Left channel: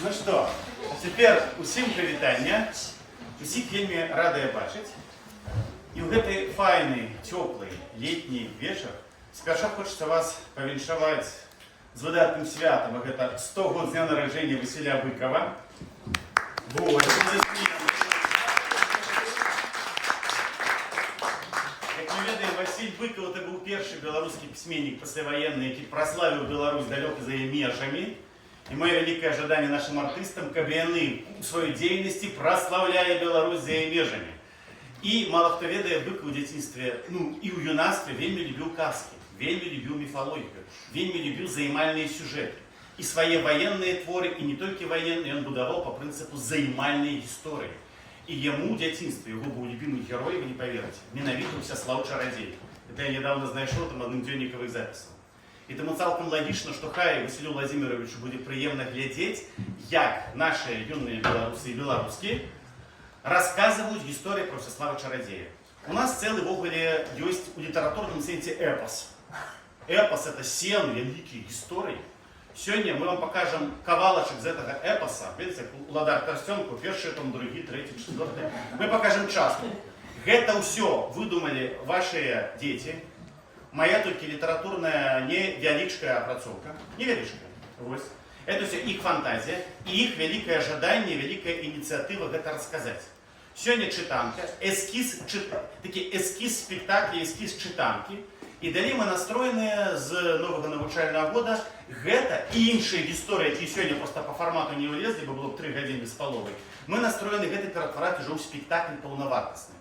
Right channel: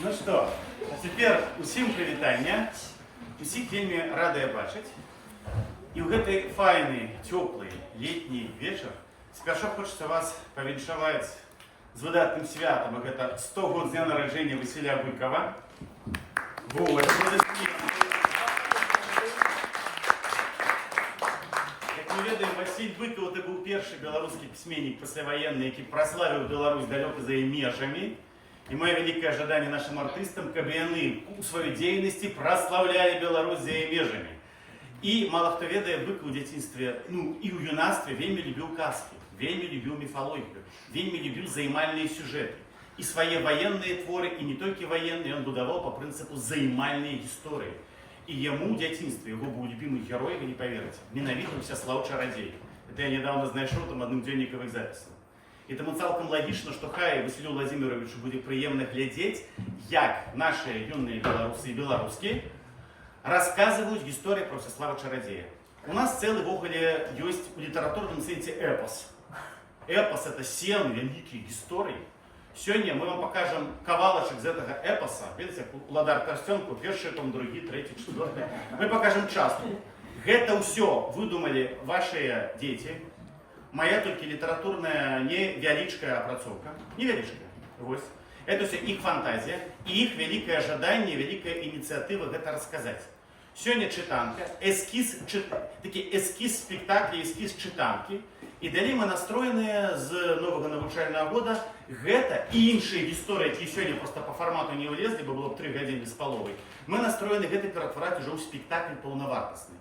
Ну что, а теперь усім прывітання. Усіх вельмі радыя бачыць. І ў гэты файны, цёплы летні вечар спярша хочацца вас павіншаваць з выдатным святам. І гэта 100 год з дня нараджэння Васіля Быкова. Вот, як мы ведаем, Васіль Быкаў это быў першы беларускі пісьменнік пасляваенны, які праславіў Беларусь далёка за яе межамі. И мое великое ожидание нашим артистам, каб яны у своей деятельности прославляли Беларусь за яе межамі. И мало кто ведае, Быкаў у дзяцінстве, ну и у юнацтве вельмі любіў казки, вельмі любіў міфалогію, вельмі любіў займальныя сюжеты. И свои военные творы, и не только военные, он будовал по принципу займальной истории. И ему в дзяцінстве, его был любимый герой, вы не поверите, менавіта Усяслаў Чарадзей. Это я недавно знайшоў там адным дзённікавых запісаў. І тому цалкам лагічна, што хай Васілю Владимировичу будзе прыемна глядзець, як наши юные беларусы и беларускі рассказывают историю про Усяслава Чарадзея. У нас целый ввогуле есть у литературном сенсе эпос. Эпос это 7 великих историй. Сегодня мы вам покажем кавалочек из этого эпоса. Видите, Уладар Корстенку, первый том, другой, третий, четвертый. Мы покажем частку. Это все выдумали ваши дети. Моя только литературная невялічкая апрацоўка, невялічкая. Вот. Это все их фантазия, и их великое ожидание, великая инициатива это рассказать. Сегодня читанка, такие эскиз спектакля, эскиз читанки. И далее мы настроены с нового навучального года гэта и іншыя истории, которые сегодня просто по формату не влезли, бы было 3 гадзіны з паловай. Мы настроены гэта ператвараць уже ў спектакль паўнавартасны.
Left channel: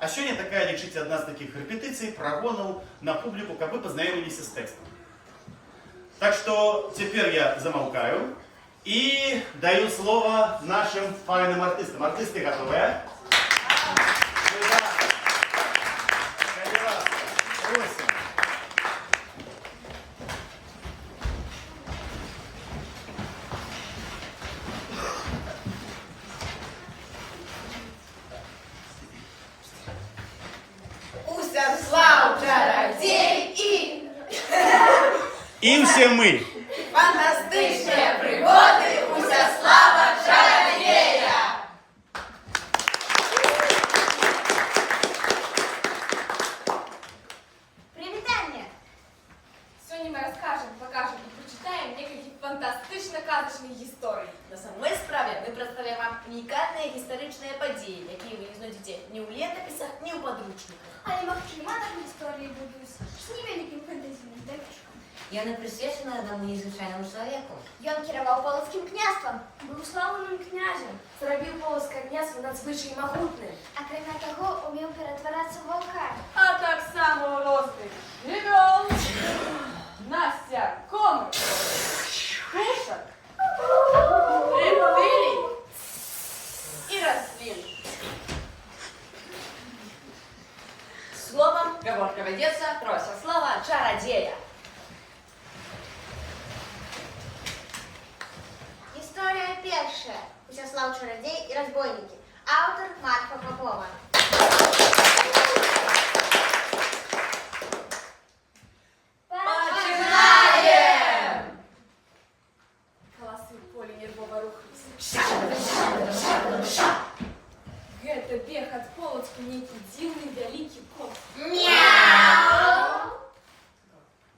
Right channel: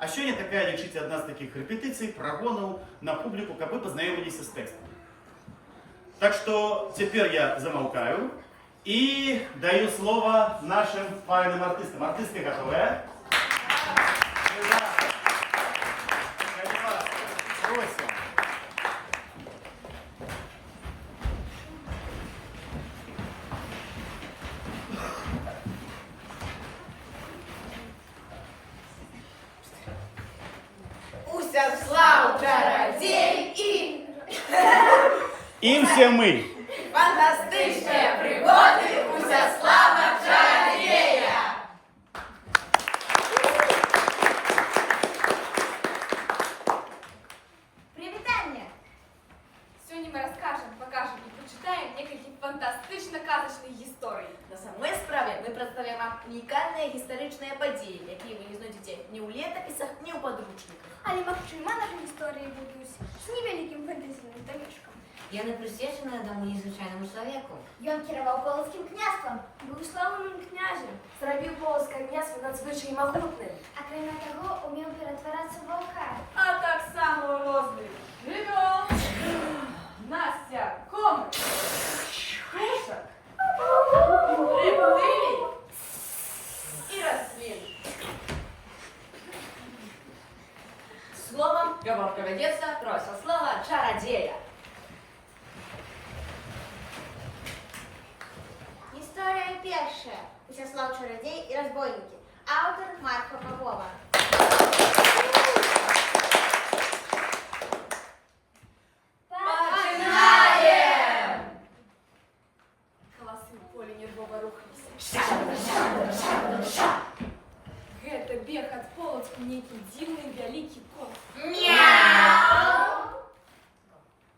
А сегодня такая, лечите, одна из таких репетиций, прогонов на публику, как бы познакомились с текстом. Так что теперь я замолкаю и даю слово нашим файным артистам. Артисты готовы? Просим. Усяслав Чарадзей И все мы. Фантастичные пригоды Усяслава Чарадзея. Привитание! Сегодня мы расскажем, покажем и прочитаем некалькі фантастычна-казачных гісторый. На самой справе мы представим вам унікальныя гістарычныя падзеі, якія вы не знойдзеце ні ў летапісах, ні ў падручніках. Але магчыма, нашы гісторыі будуць з невялікім фэнтазійным дамешкам. Яны прысвечаны аднаму незвычайнаму чалавеку. Ён кіраваў полацкім княствам, быў слаўным князем, Зрабіў полацкае княства надзвычай магутным. акрамя таго, умеў ператварацца ў ваўка. А так само розных жывёл. Настя, комар, кушак, приплыли и раслин. Словом, говорка ведется про Усяслава Чарадзея. Гісторыя першая. Усяслаў Чарадзей і разбойнікі. Аўтар Марфа Попова. Начинаем! Колосы в поле нервово рухнулись. Гэта бег ад полацку нейкі дзіўны вялікі кот. Мяу!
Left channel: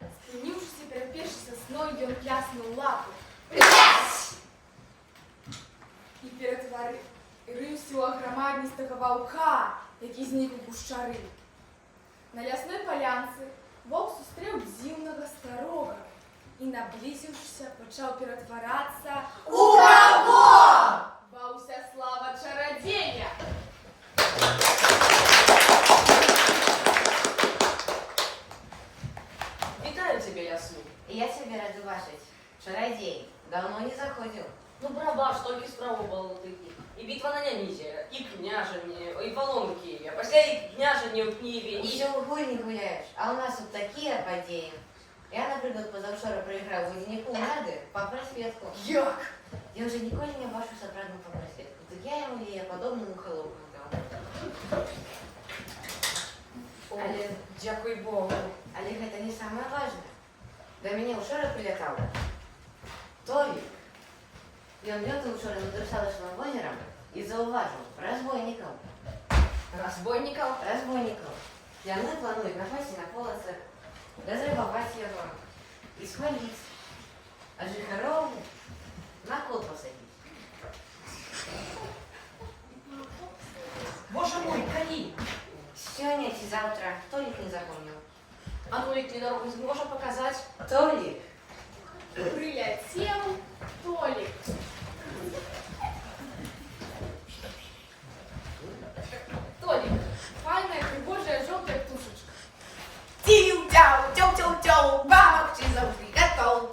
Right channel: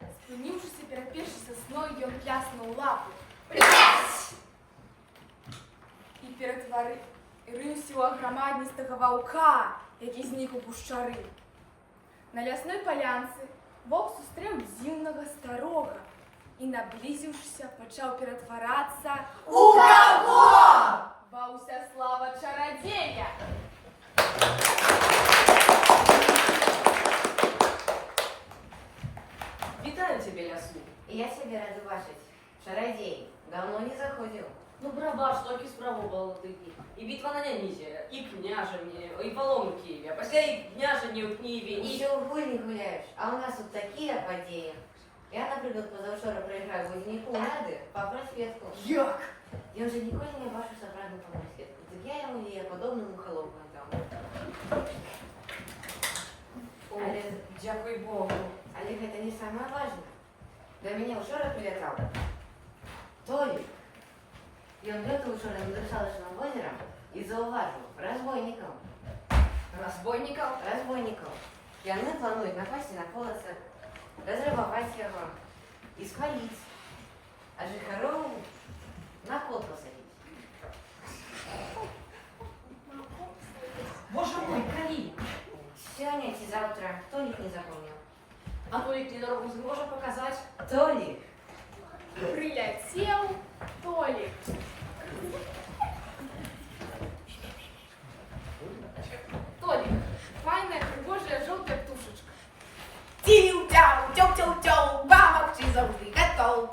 Спыніўшыся перад першай сасной, ён пляснуў лапу і ператварыўся ў аграмадністага ваўка, які знік у гушчары. На лясной палянцы воўк сустрэў дзіўнага старога і, наблізіўшыся, пачаў ператварацца У каго? ва Усяслава Чарадзея. Вітаю цябе, лясну. Я цябе рады бачыць. Чарадзей, давно не заходзіў. Ну, барабаш, толькі спрабавала такі. І бітва на Нямізе, і княжанне, і палом у Киеве, а пасля і княжанне ў Киеве, і... Усё ў гульні гуляеш, а ў нас тут такія падзеі. Я, напрыклад, пазаўчора прайграў водзініку ў нарды па прасветку. Як? Ён жа ніколі не бачыў сапраўдную па прасветку. Так я яму яе падобную халопку даў. Але, дзякуй Богу. Але гэта не самае важнае. Да мяне ўчора прылятаў той, Ён лётаў учора над Русалачным возерам і заўважыў разбойнікаў. Разбойников? Разбойнікаў. Яны плануюць напасці на полацы, разрабаваць яго і спаліць, а жыхароў на кол пасадзіць. Боже мой, кони! Сёння ці заўтра, хто іх не запомніў? А Толик мне дорогу сможет показать? Толік. Прилетел Толик. Толик, файная, пригожая, желтая птушечка. Тиу-тяу, тяу-тяу-тяу, помогчи завжди готов.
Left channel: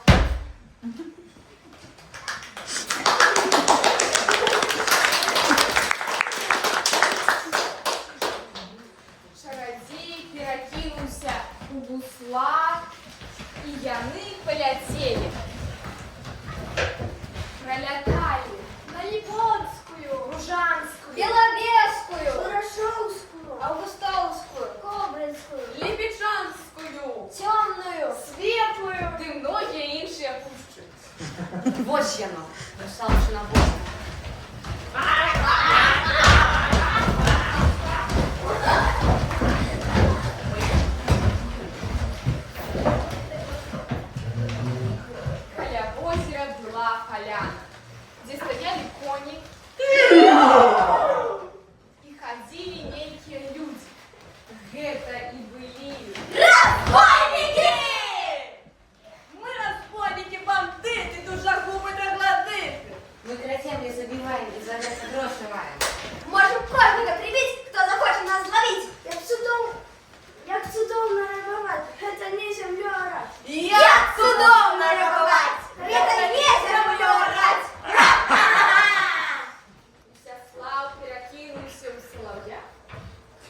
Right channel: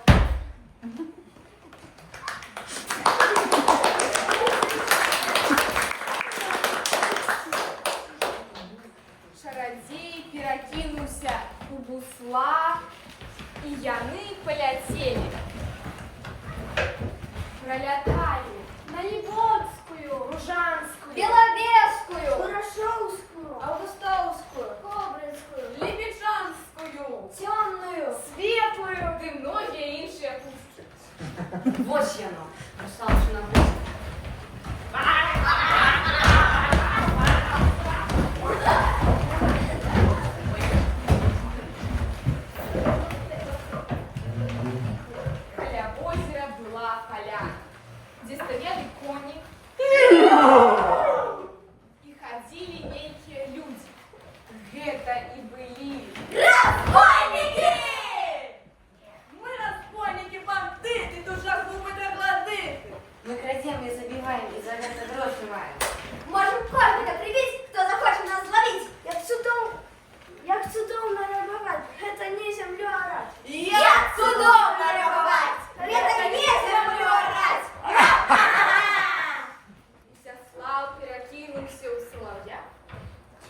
Чародей перекинулся у бусла, и яны полетели. Пролетали на Липонскую, Ружанскую, Беловежскую, Хорошовскую, Августовскую, Кобринскую, Лебеджанскую, Темную. Светлую, ды многие іншие пушчы. Вось яно, Русалочина возеро. Каля озера была поляна, где стояли кони и ходили некие люди. Это и были Разбойники! Мы разбойники, бандиты, душогубы, горлодыты. Мы крадзем і забіваем, і за гэта грошы маем. Можем кожника прибить, кто захочет нас зловить. Як цудовно рабовать, это не землю орать. Як цудовно рабовать! Это не землю орать. Всеслав перекинулся у соловья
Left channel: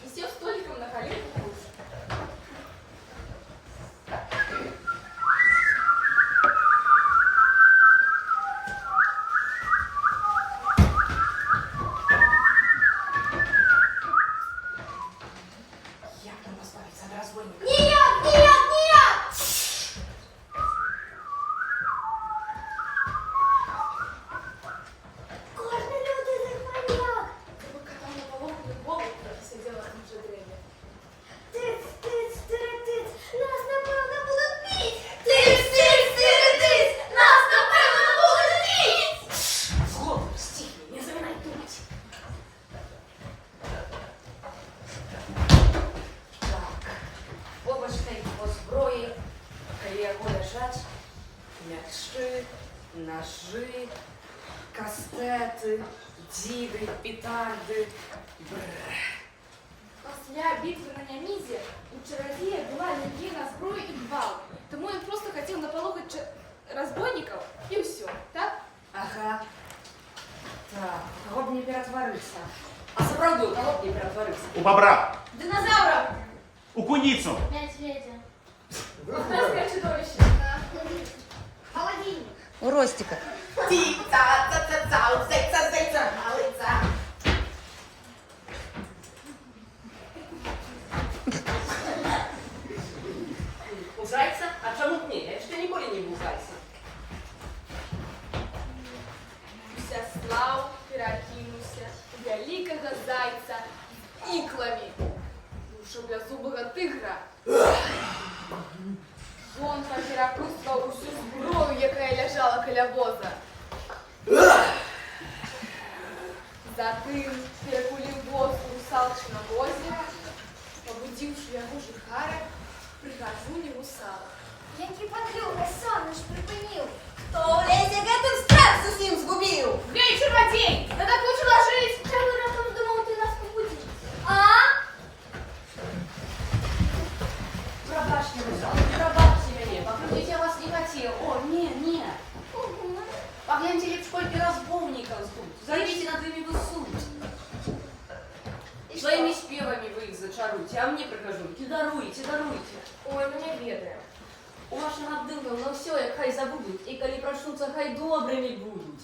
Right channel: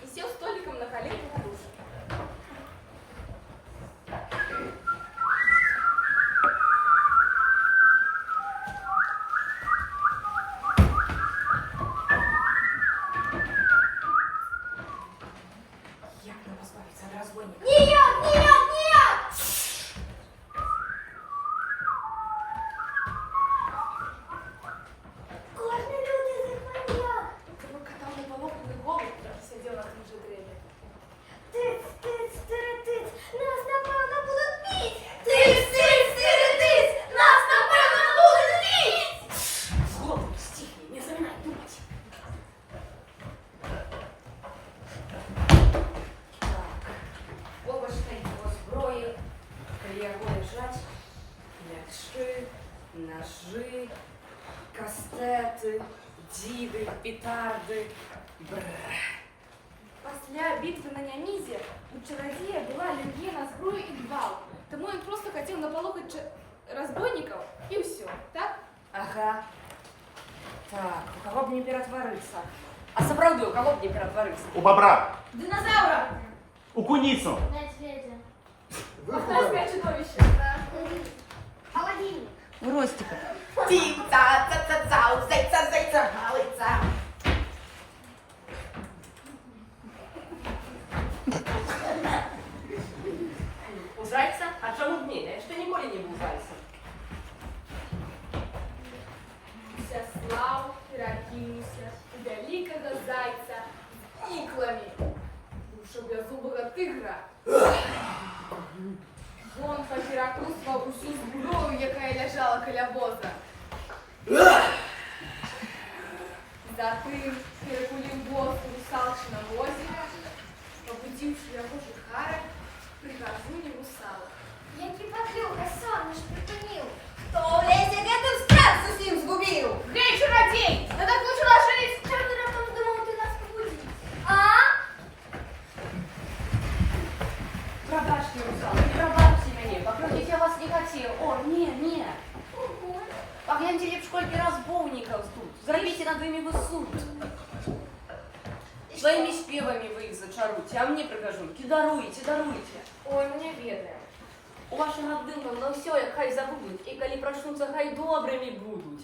и сел столиком на колени на душу. Як нам позбавиться от разбойника? Нет, нет, нет! Кожні люди захвалять. Когда на поломанный голубь сидел на том же древе. Тиц, тиц, тиц, нас напевно будуть бить. Тиц, тиц, тиц, нас напевно будуть бить. Злобы, стихи, не забывай думать. Так, обочкой по зброї, коли яго лежать, мячи, ножи, кастети, діди, петарди. Бррр. После битвы на Нямизе у чародея была аллергия на зброю и гвалт. Тому он просто хотел наполохать разбойников и все, так? Ага. Так, у кого б не перетвориться? А сапраўды, у кого б не перетвориться? У бобра, Динозавра! у куницу. Медведя. Мохнатское чудовище. Холодильник. У Ростика. Ти-ца-ца-ца-ца, зайца-зайца, малыца. У зайца? А чому б ні? Я ще ніколи не був зайцем. Всеслав перекинулся у великого зайца с иклами. Душеблязубого тигра. Ён перекрутував усю зброю, яка лежала каля воза. Затым перекулив воз у Русалчином озере, побудивши його жихара, прикажу русала. Які подлюка, сон наш припинив. Хто в лісі гэтым страх зусім згубив? Гей, чародей! Надо лучше ложись! Чого ти раптом думав, ти нас побудиш? А? Пробачте, русалки, пробачте мене, покрутить я вас не хотел. О, не. Угу. Погляньте, лепш сколько разбойников тут. Зовите над ими в суд. Своими спевами вы их зачаруйте, а мне прикажуйте, даруйте. Ой, мене ведаем. У вашим аддымкам на все, хай забудут, и коли проснутся, хай добрыми будут.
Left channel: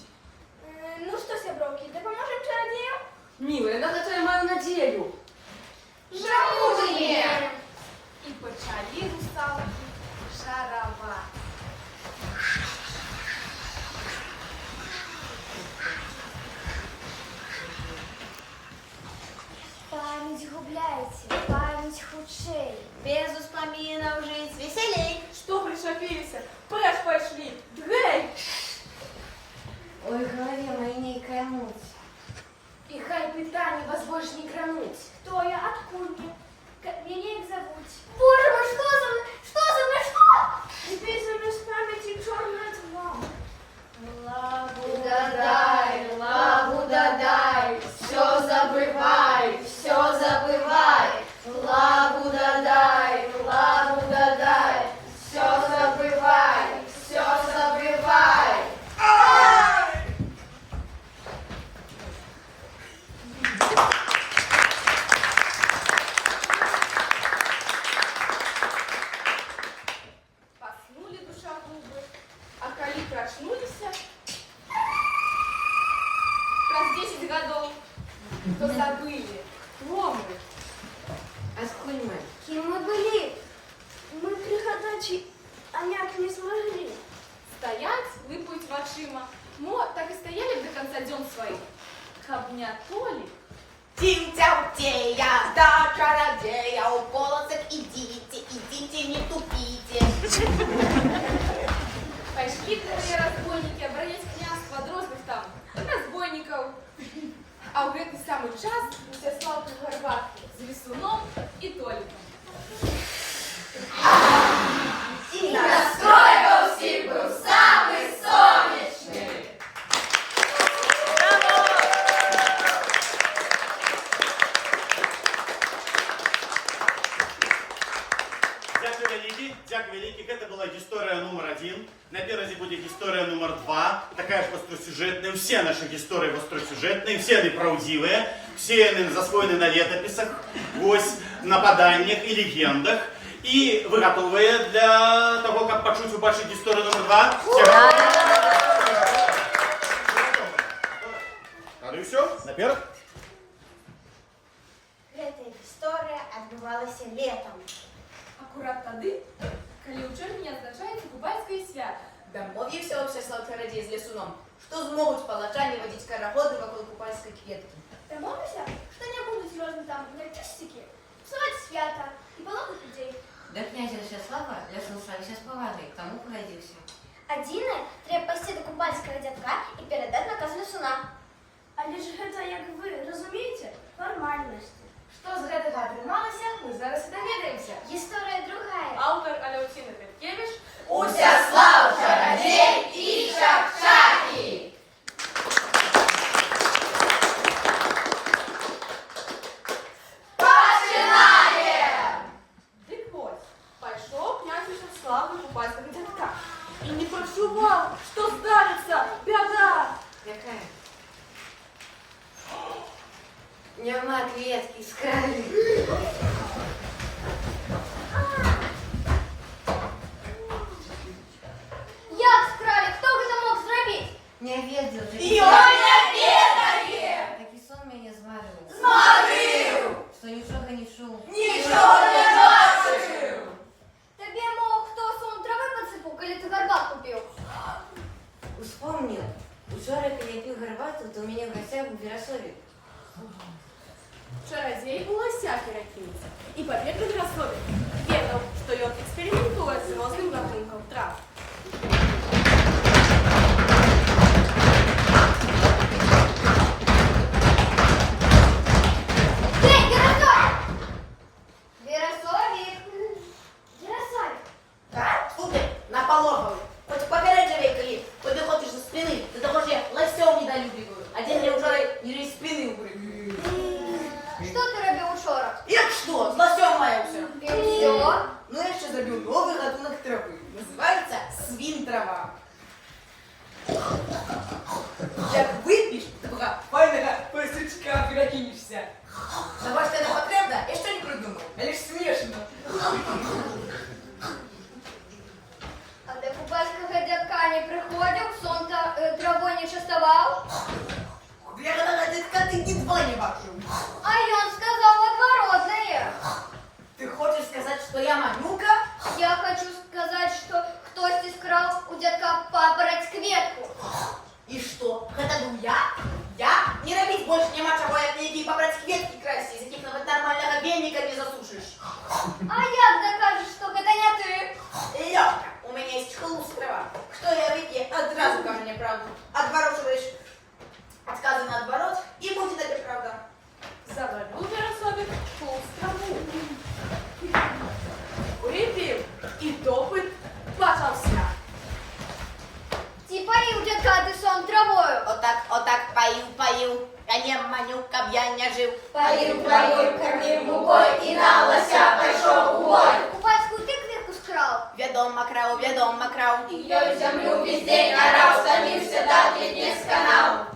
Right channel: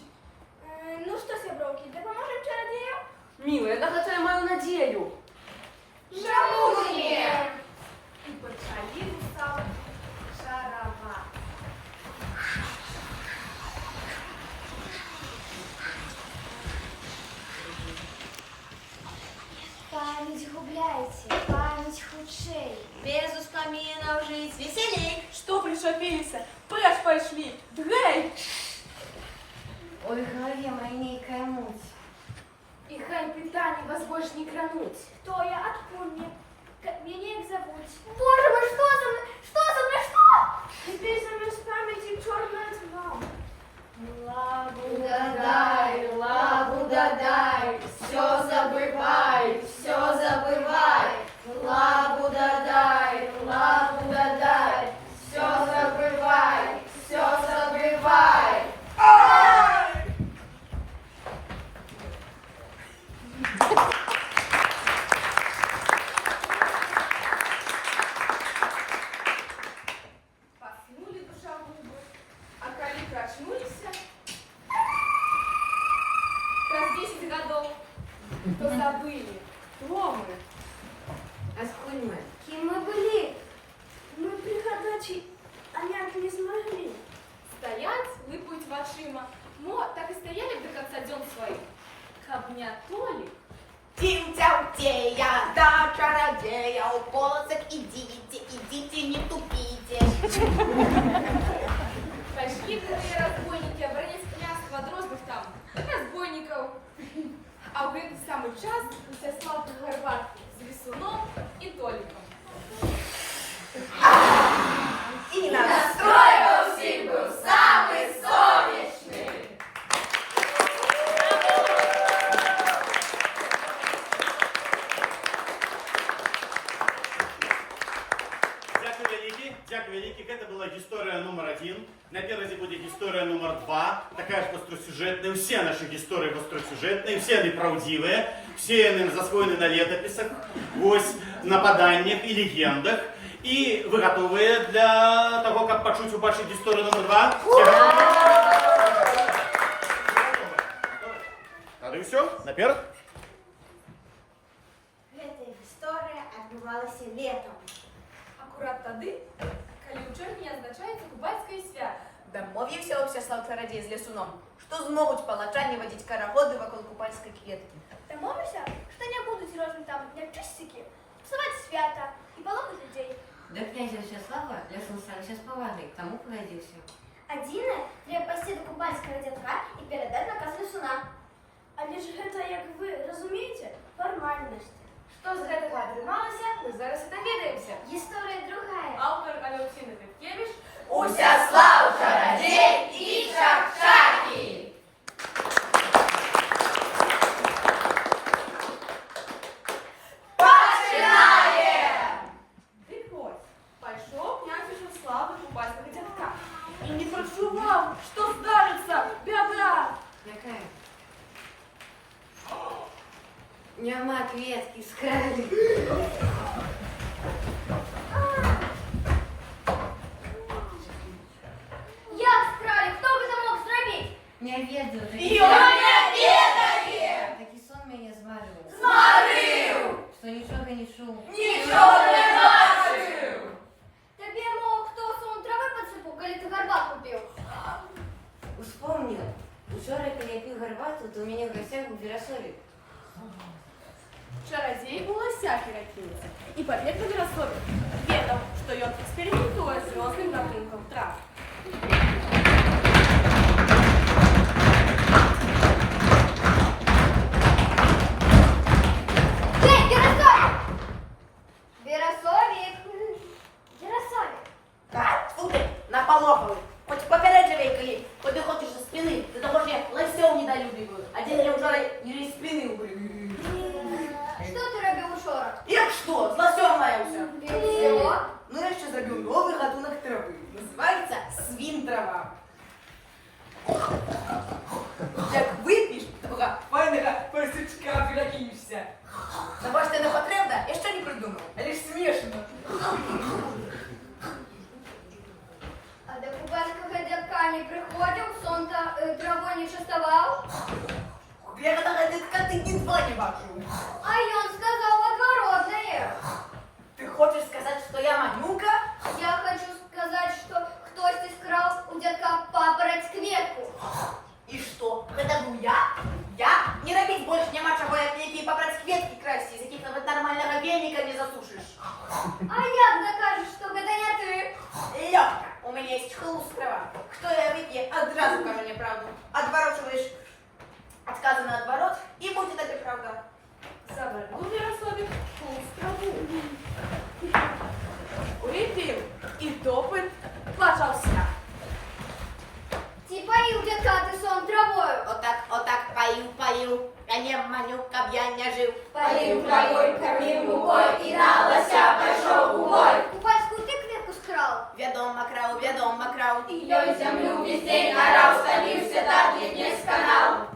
Ну що, сябровки, допоможемо чародею? Милая, на это я мою надею. Жамує! І почали русалки шаровать. лучей. Без успоминов жить веселей. Что пришапелись? Прячь пошли. Гей! Ой, в голове моей некая муть. И хай питание вас больше не крануть. Кто я, откуда мне? Как меня их зовут? Боже мой, что за мной? Что за мной, что? Теперь со мной с памяти черная тьма. Лагу дадай, все забывай, все забывай. Лагу дадай, все забывай, все забывай. Поснули душа губы, а коли проснулись, раз 10 годов, то забыли, кто мы. А сколь мы? Кем мы были? Мы приходачи, а няк не смогли. Стоять, липуть в очима, мо так и стояли до конца дён своих. Кабня Толик. Тим-тяу-тея, да чародея, у полосок идите, не тупите. Пошли другие разбойники оборонять княжество дрозных там, разбойников. А в этот самый час уся славку горбатку с Лисуном и Толиком. И настроил всех был самый солнечный. Дякую великий. Это была история номер 1. Напереди будет история номер 2. Такая же остросюжетная. Все наши истории остросюжетные, все они правдивые, все они засвоены на летописах, ось, на поданнях и легендах. И вы готовы для того, как почуть убачить историю номер 2? Все готовы? Тогда и все. Наперед. Эта история отбывалась летом. Аккурат тады, коли у чэрвеня адзначаецца кубальскае свята. Дамовіўся ўся слаўцарадзей з лесуном, што змогуць палачане вадзіць карагоды вакол купальскай кветкі. Домовимся, что не буду серьезно там, як чистики, псовать свято и поломать людей. Да князя Вячеслава лясом ставіся з повагой, тому погодився. Адзінае, трэба пайсці да купальскага дзядка і перадаць наказ лесуна. Але ж гэта, як вы разумееце, фармальнасць. Што з гэтага атрымалася, мы зараз і даведаемся. Гісторыя другая. Аўтар Алеўціна Петкевіч. Усяслав чародей і шахшакі! Дык вось, пайшоў князь Вячеслав да купальскага дзядка. І не прачуваў, што здарыцца бяда. Якая? Няма кветкі скралі. Як скралі? Хто гэта мог зрабіць? Не ведаю. Ён не ведае! Такі сон мяне змарыў. Змарыў! Што нічога не чуў. Нічого не бачыў! Табе мог хто сон травы падсыпаў, калі ты гарбатку піў? Успомніў. Учора, калі я піў гарбату, то ў мяне в гасцях був Верасовік. Чарадзей у лосях перакінуўся і пабег да Верасові. Ведаў, што ён эксперыментуе з розным гатункам трав. Эй, Верасовик! Верасовик! Верасовик! Так, слухай, на пологову. Хоч попереджувай, коли підходиш за спини, до того ж я лосьов недолюбливаю. А день я вчора і спини убрив. Що ти робив учора? Як що? З лосьом маявся. І все? Ну я ще зробив новий гатунок трави. Називається свінтрава. Як вип'єш, така файного пасючка перекинешся. Забачте не потрібно, я ще не придумав. Але ж смішно. А до купальского дядка не приходил, сон травой не частовал? Я гадала, ти ні два не бачу. А он сказал отворотное. Ти хочеш сказати, що я манюка? Я хочу сказать, что кто-то скрал у дядка папороть кветку. І що? Гэта был я? Я? Не робить больше нема чего, як мне ті папороть кветки красти, из яких навіть нормального веника не засушишь. Пою, я не маню, каб я не жив. Пою, кормив мукой і на лося пішов у бой. Купальську ти квітку скрав. Ведомо крав. І ей землю весь день орав, стомився, дати не сканав.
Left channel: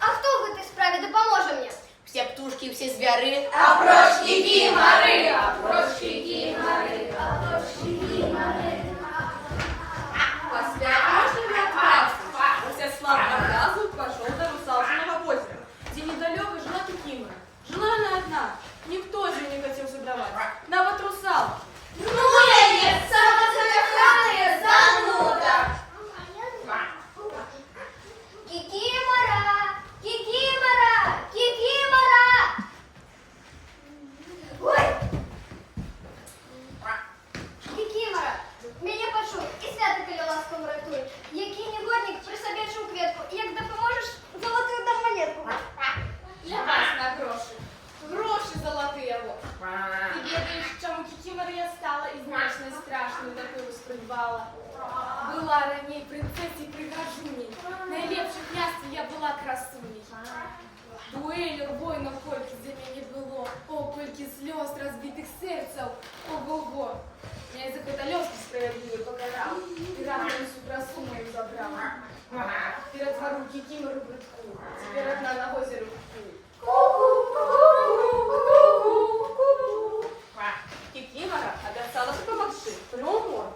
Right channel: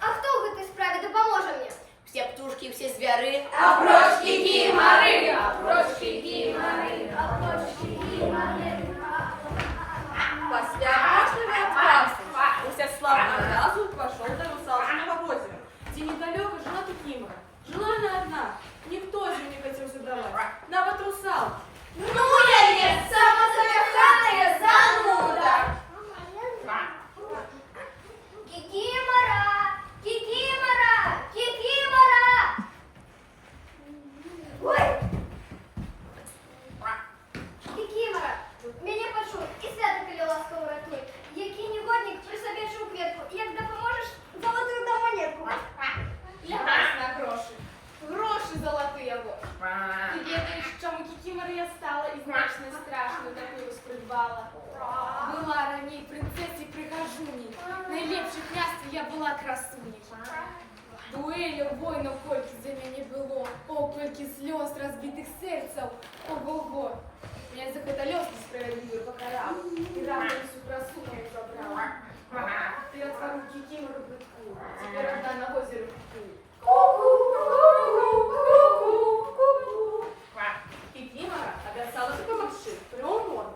А хто в этой справі допоможе мені? Все птушки, все звери. А прочь кикиморы, а прочь кикиморы, а прочь кикиморы. После опрошенного отказа Ростислав на разу пошел до Русалочного озера, где недалеко жила Кикимора. Жила она одна, никто же не хотел задавать. Да вот русал. Ну я нет, самозакоханная зануда. Кикимора, кикимора, кикимора. Ой. Кикимора, мене почув і святителя ласково рятуй. Який негодник присобячив кветку, і як допоможеш, золоту на монетку. Для вас на гроши. Гроши золотые вот. Ты ведаешь, чому Кикимора я стала і значно страшную такую спридбала. Была раней принцессой пригожуней, найлепших княств я була красуней. Дуэлю воїнов кольки за мене було, о, кольки сльоз разбитых серцев, ого-го. Меня за каталёвки справедливый покарал, и равную всю красу мою забрал. Перетвору Кикимору прытку, теперь одна на озере Кикимора обязалась помогши приумор,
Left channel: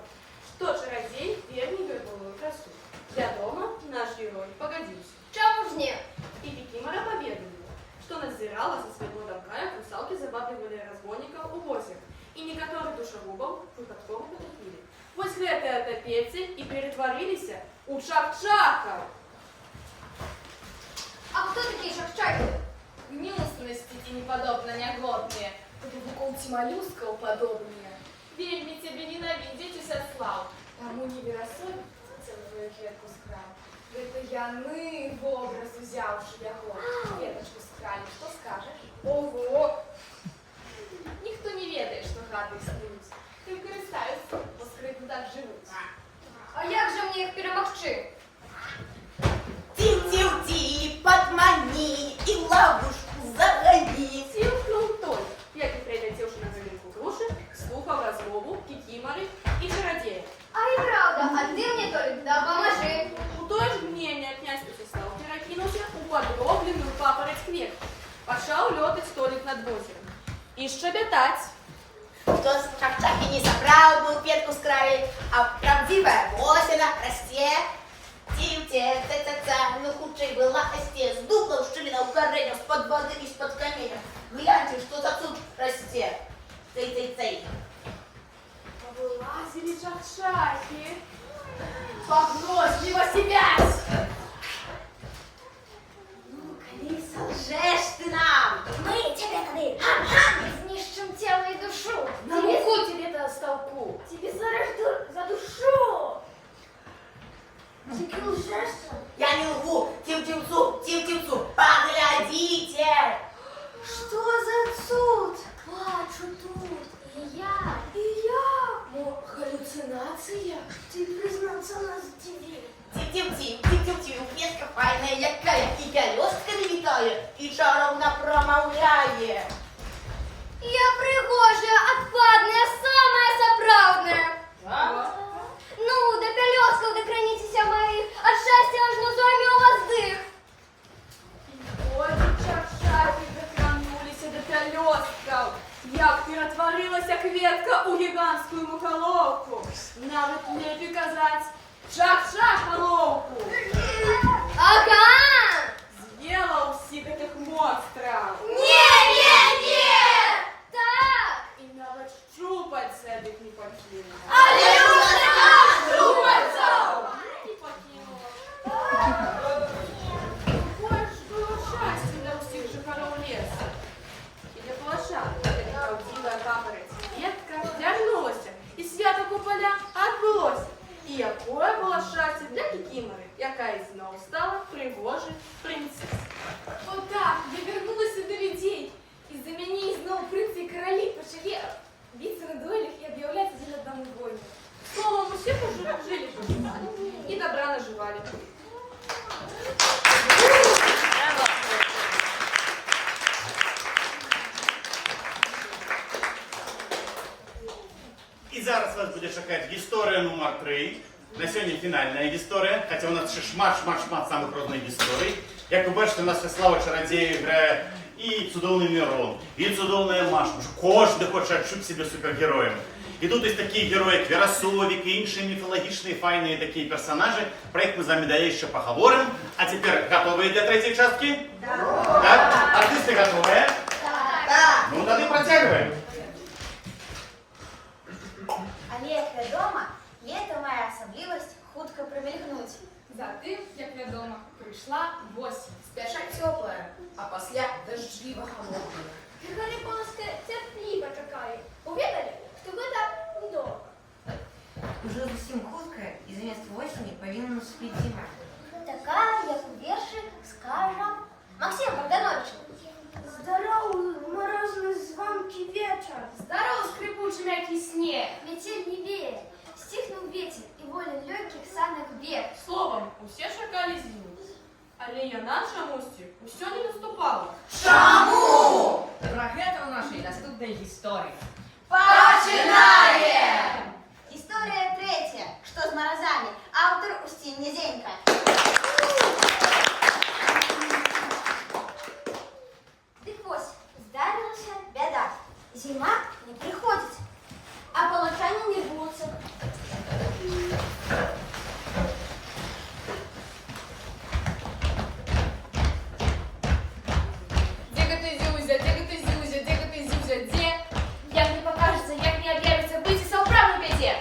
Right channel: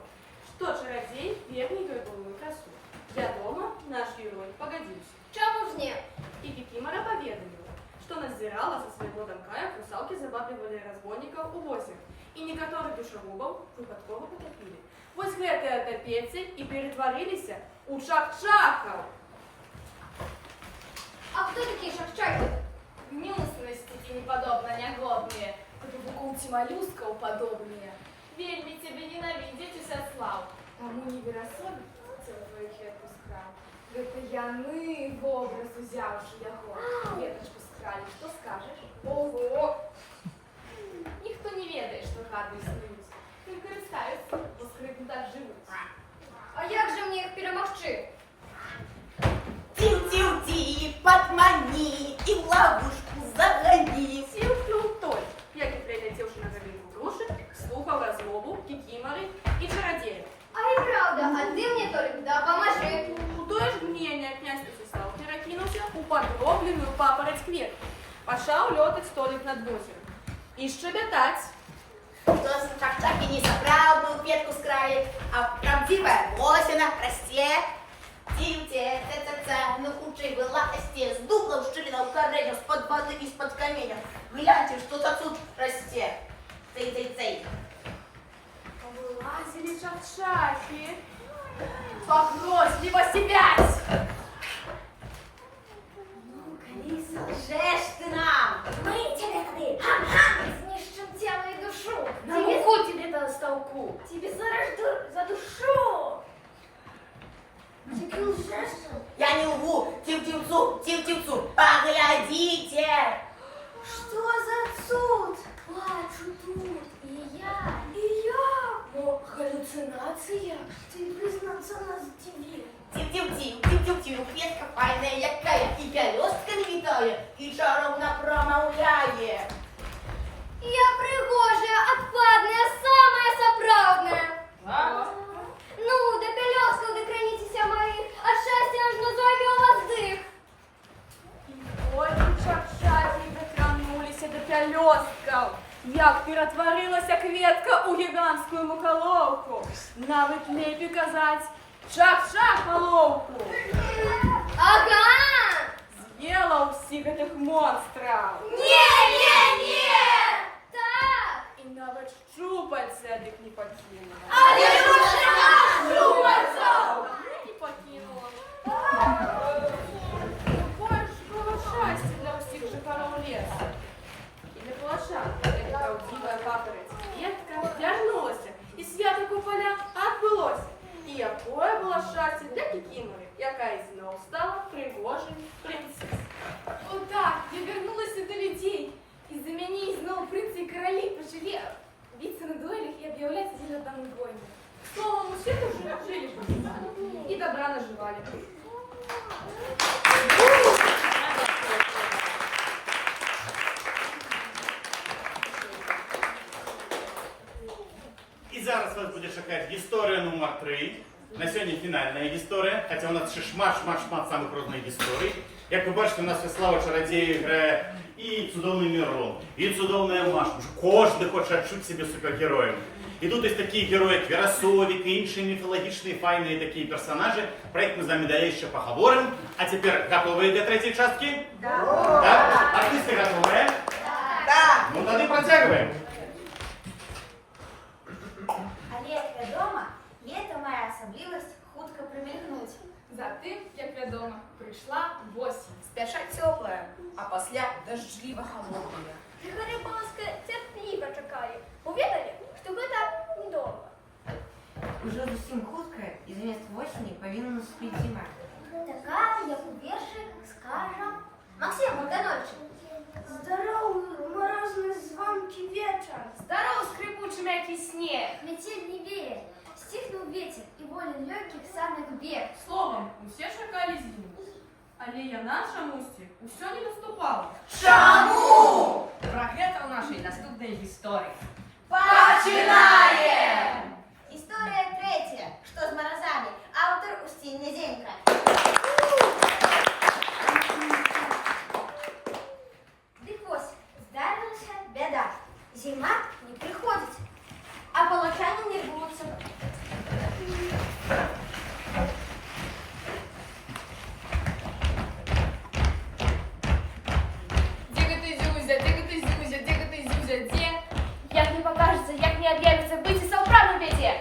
что чародей верней головную красу. Для дома наш герой погодился. Чому ж ні? И Кикимора поведомила, что надзирала со своего домка, як русалки забавливали разбойников у озера, и некоторых душегубов выпадково потопили. Вось гэтыя отопейцы и перетворились у чак-чаков. А хто такий шахчаки? Гнусности и неподобно неглотные, подвукулти моллюсков подобные. Вельми тебе ненавидеть Усяслав, тому не веросоль целую кветку скрал. Это яны в образ узявши яго, кветочку скрали, что скажешь? Ого! Ніхто не ведает, что гады снуюсь, тим користаються, бо скритно так живуть. А як же мені їх перемогти? Ти, подмани и ловушку загони. Сілкнув той, як і прилетівши на залинку груши, слухав розмову Кикимори і чародея. А і правда, а ти мені Толік, да поможи. У той ж мнение князь Усяслав перекинулся у подробленную папороть кветку. Пошел летать столик над озером. И щебетать. Кто с шахчаки не собрал бы ветку с края, а правдивая осина расте. Тивте, ца-ца-ца, ну худшей была осте, с дубла ущелина у коренев, с-под воды и из-под камня. Гляньте, что за тут расте. Цей. Вылазили чак-чаки. Погносливо себясь. Ну-ка, Лиса, лжешь ты нам. Ми тебе знищим тіло і душу. На муку тебе-то столку. Тебе зараз за душу. Тільки лжеш. Я не лгу, тим-тимцу, поглядите. Что за суд? Плачу тут. И я. Но галлюцинация. Ты признаться нас тебе. Тим-тим, кветка файная, якая, и пялёстками летает, и шаровна промовляет. Я пригожая, отпадная, самая соправдная. Ну, до пялёстков докранитеся мои, от счастья аж на зойме у вас дых. Ой, чак-чаки дотронулись до пялёстков. Як перетворилася кветка у гігантську мухоловку. Навіть лепі казать чак-чак-головку. Ага! З'їла усіх этих монстрів. Не! Так! І навіть щупальця дик не покинула. А я щупальцев! Не покинула. Какое ж было счастье для усіх жихаров леса. І для полошан, як правдивая папороть ветка вдягнулася, і свято куполя відбулося. І якое було щастя для Кикимори, яка і знов стала пригожою принцесою. Отак, я вернулася до людей. Из-за меня снова принцы и короли пожили биться на дуэлях и объявлять один одному войну. Словом, у всех уже жили и добра наживали. зараз вас буде чекати історія номер 3. На сьогодні фінальна історія, хоча у нас ще шмат самих різних історій. Як ви бачите, у нас Слава Чародєєв грає і цудовний Мирон, і цудовна Маша. Кожен хоче відчути себе супергероєм. І тут є такі герої, як Веросовик і інші міфологічні, файні такі персонажі. Про їх ми з вами далі ще поговоримо. А тепер готові до третьої частки? Так. Артисти готові? Так. Ну, тоді протягуємо. Але як відомо, є то моя особливість хутко примількнуть. Затим, як відомо, прийшла осінь. Сперша теплая, а після дождливо холодная. Григорій Полоска терпливо чекає. Повідали, що ви так недовго. Уже зовсім хутка, і замість осені повинна наступити зима. Така, як у вірші, скаже Максим Богданович. Здоровий, морозний звонкий вечір. Здоров, скрипучий м'який сніг. Метель не веет, стихнул ветер, и волен легких санных вверх. Словом, усе чекали зиму. Але я наша мусті усё не виступала. Чому? Про гэта ў нашай наступнай гісторыі. Починаем! История третья. Что с морозами? Автор Устинья Низенько. Дык вось, здарилася беда. Зима не приходит, а полочане не рвутся. Як не покажется, як не объявится, выйти со управной беде.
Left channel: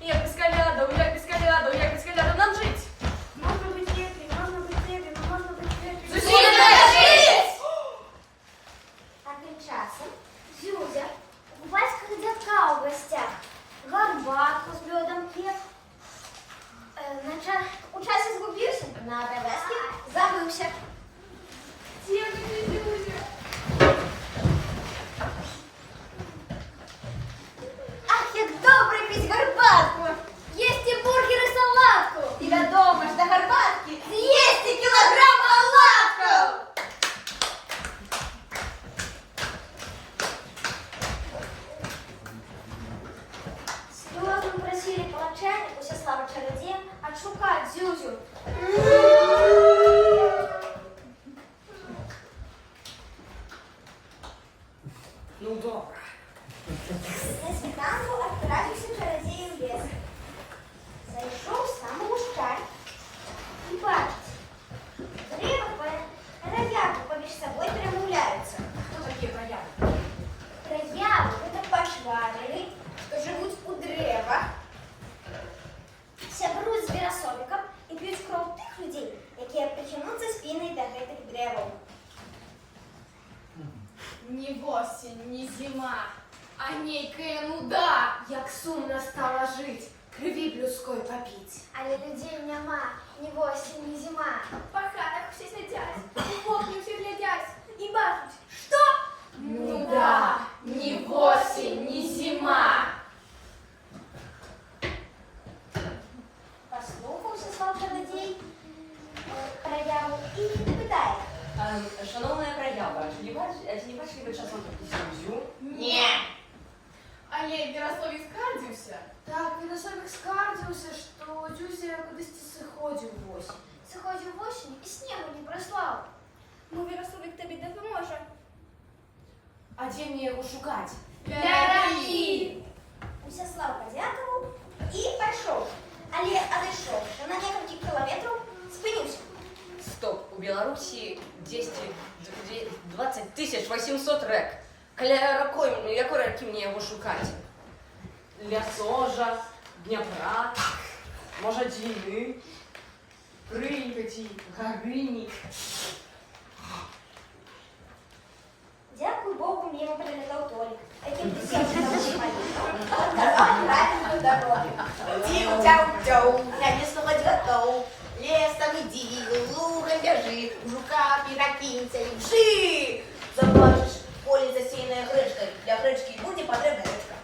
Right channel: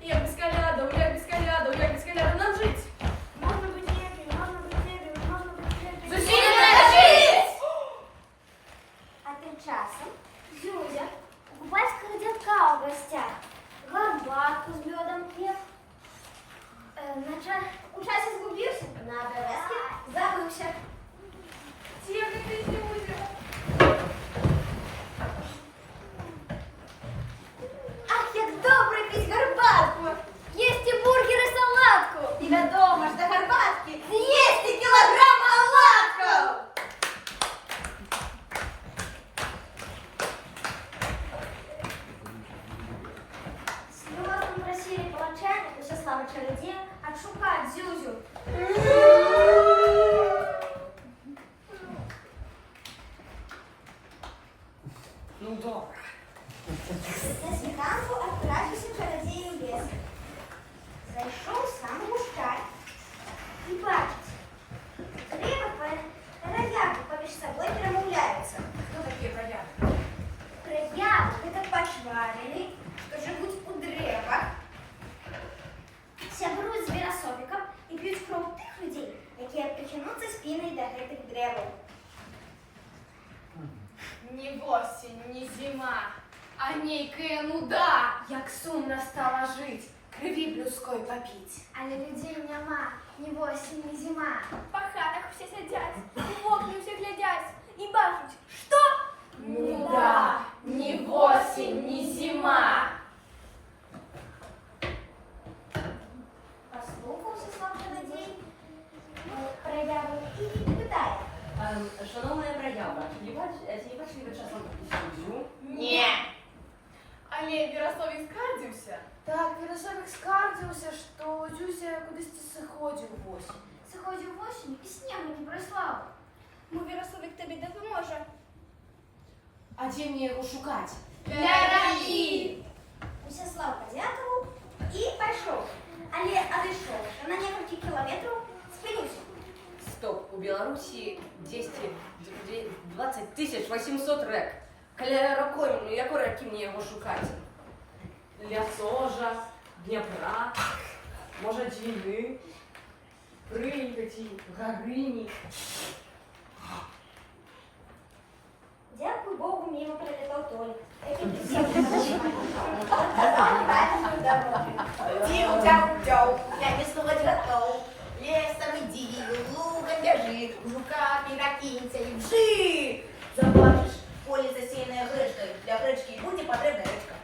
Я без колядов нам жить. Можно быть ветрен, можно быть ветрен, можно быть ветрен. А тем часом Зюзя у батька дядка у гостях. Горбатку с льодом пьет. У часе сгубился, на обовязке забылся. Тихо ты, Зюзя. Ах, як добре пить горбатку! Есть и бургер, и салатку! И додому ж до горбатки есть и килограмм оладков! Слезом просили палача, уся слава чародея, отшукать Зюзю. Ну добре. На світанку відправився чародій у ліс. Зайшов сам у мушкар і бачить, дерева рояви поміж собою перемовляються. Хто такі прояви? Рояви – це пошварені, що живуть у деревах, сябрують з вірособиком і п'ють кров тих людей, які притягнуться спиною до гэтих деревів. Ни осень, ни зима, а нейкая нуда. Як сумно стало жить, крові людської попіть. Але людей нема, ні осінь, ні зима. По хатах все сидять, в окна все глядять и бачать, что? Нуда, ни осень, ни зима. Послухався слав чародій прояву і питає. Шановна проява, чи не бачили ви часом таку Зюзю? Ні. Але Веросовик скардзився. Так, Веросовик скардзився, що Зюзя кудись сходив в осінь. Заходив в осінь і снігу не прислав. Ми Веросовик тобі допоможе. А де мені його шукати? Ляраї! Усяслав подякував і пішов. Але одійшовши на кілька кілометрів, спинився. Стоп, у Беларуси 20 800 рек. Якої реки мені його шукати? Лясожа, Дніпра, може Двіни, Прип'яті, Горині. Дякую Богу, мимо прилетел Толик. Таким присутствием правильную дорогу. Тяу-тяу-тяу, я не слухать готов. Лесом иди, луком вяжи, жука не накинься и вжи. Забачиш, поле засеянное гречкой, для гречки буде потрібна речка.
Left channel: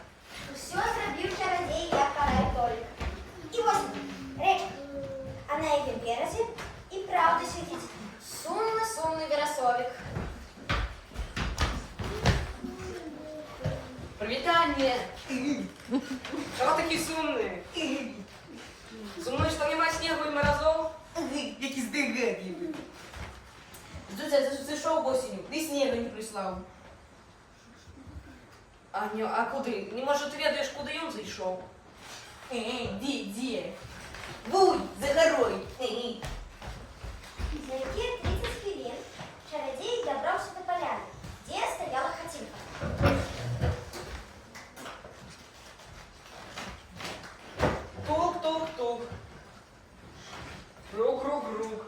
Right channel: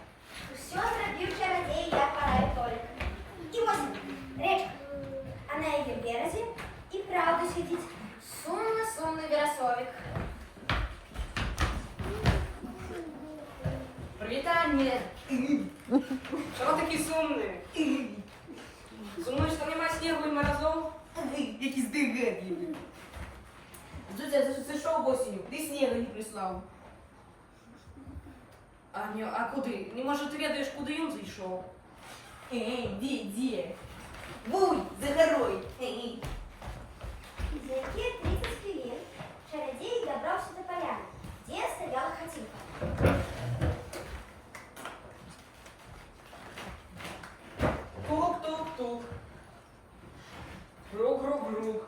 Все зробив чародей, як карає Толик. І ось речка. А на її березі і правда сидить сумно-сумний Веросовик. Привітання, Чого такі сумні? Сумні, що нема снігу і морозов? Які здегадливі. Зуся, це що осінню? Ти снігу не прислав. А куди? Не може, ти ведаєш, куди він зайшов? Де? Буй, Захарой. За какие 30 хвилин чародей добрался до поляны, где стояла Хатинка. Тук-тук-тук. Грук-грук-грук.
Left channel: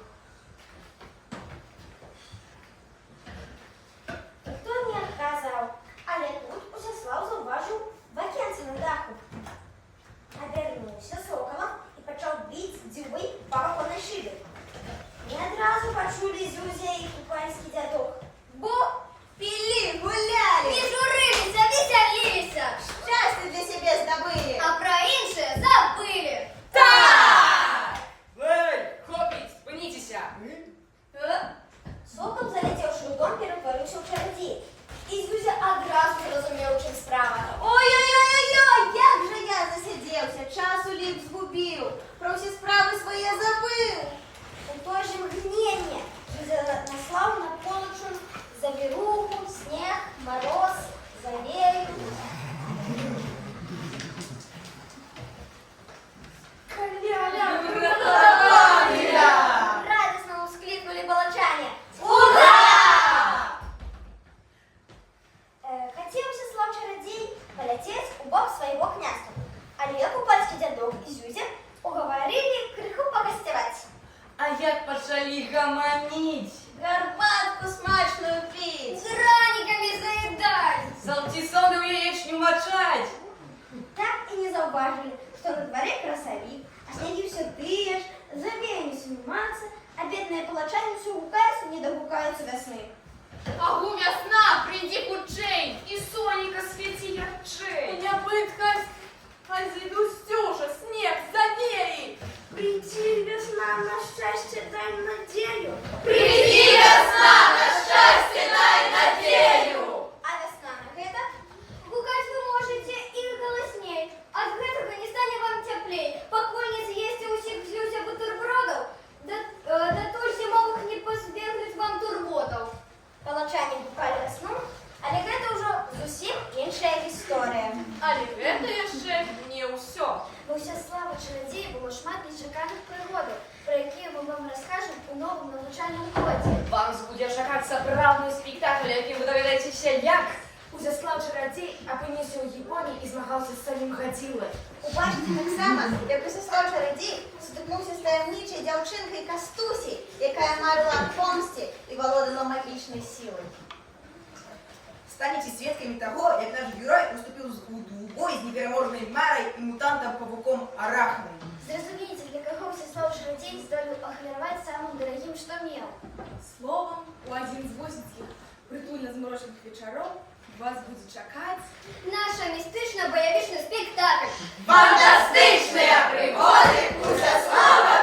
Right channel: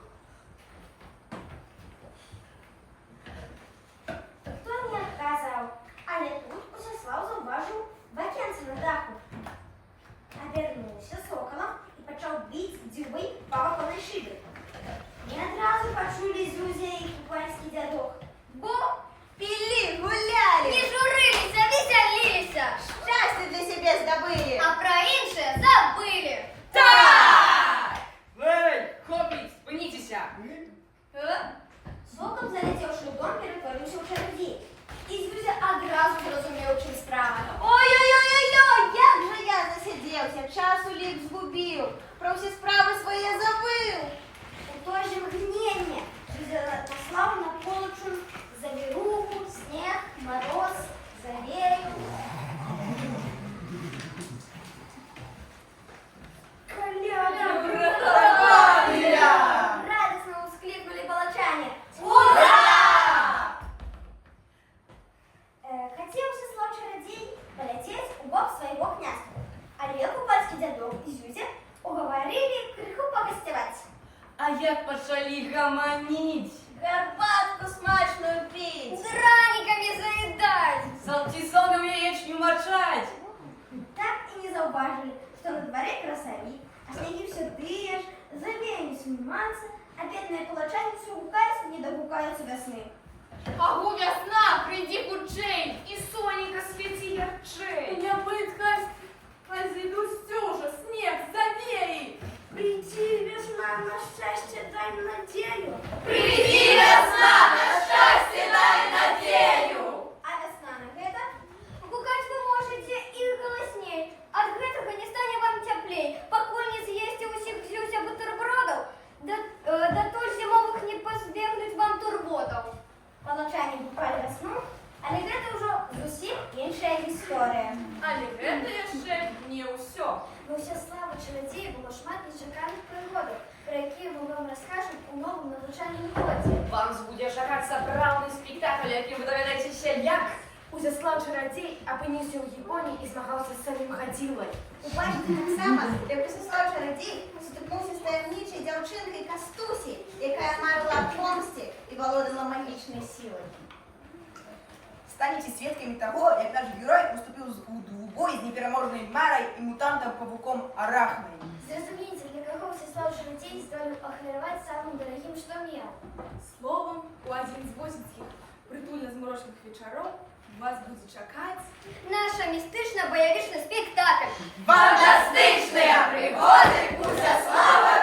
Ніхто не відказав, але тут Усяслав зауважив вакенце на даху. Обернувся соколом і почав бити дзюбой по оконной шибі. Не одразу почули Зюзя і купальський дядок. Бо пили, гуляли, не журилися, веселилися, щастя для себе здобили, а про інше забили. Ей, хлопець, спиніться! Сокол, залетівши у дом, перетворився у чародія. І Зюзя одразу зрозумів, чим справа. Ой-ой-ой-ой, як же я засидівся, часу ліп згубив, про всі справи свої забив. У той же мгновение Зюзя наслала на полочу завируху, снег, мороз, залей. Радостно вскликнули балачане. Ура! Хотел Всеслав чародей полететь у бок своего князства, але купальский дядок и Зюзя уговорили крыху погостевать. А як почали гаманить? Горбатку смачную пить. Драниками заедать. Салтисону яєчню мочать. Так и не зауважили, что на дворе красовик, а снеги все тые ж, забеями сниматься, а бедные палачане все гукаются, не догукаются до сны. Агу весна, прийди кучей, і соненька світі ярчей. Я пыткась, а зайду Стюша, снег, завеи. Приди, весна, на счастье дай надею. Приди, весна, на щастя, дай надію. А весна на гэта? Гукать вы можете и голосней. От гэтага не стане вам теплей. Покойниц есть у всех Зюзя бутербродов, да то ж зимовых не позбегнуть вам турботов. Палачане гукали весну, але гэта ўжо зусім іншая гісторыя. Але гэта яшчэ не ўсё. Бо Всеслава чародея было шмат нечаканых прыгодаў, про якія мы вам раскажам у новым навучальным годзе. Вам буде чекати сапраўдний спектакль, яким ви доведаєтеся, як Узяслав чародей опинився у Японії і змагався з самим Гадзілою. У бачці таксама, як Усяслав чародій сутикнувся з таємничою дівчинкою Кастусі, яка марила о помсті і володила магічною силою. Станете свідками того, як наш герой уступив у бой з непереможною Марой і мутантом-павуком Арахной. Зразумейте, для кого Всеслав чародей здолел охлеровать самым дорогим, что мел. Словом, у один з восінських притульно-зморожених вечоров вас буде чекати Наша містична-боєвічний спектакль. Фантастичні пригоди Узяслава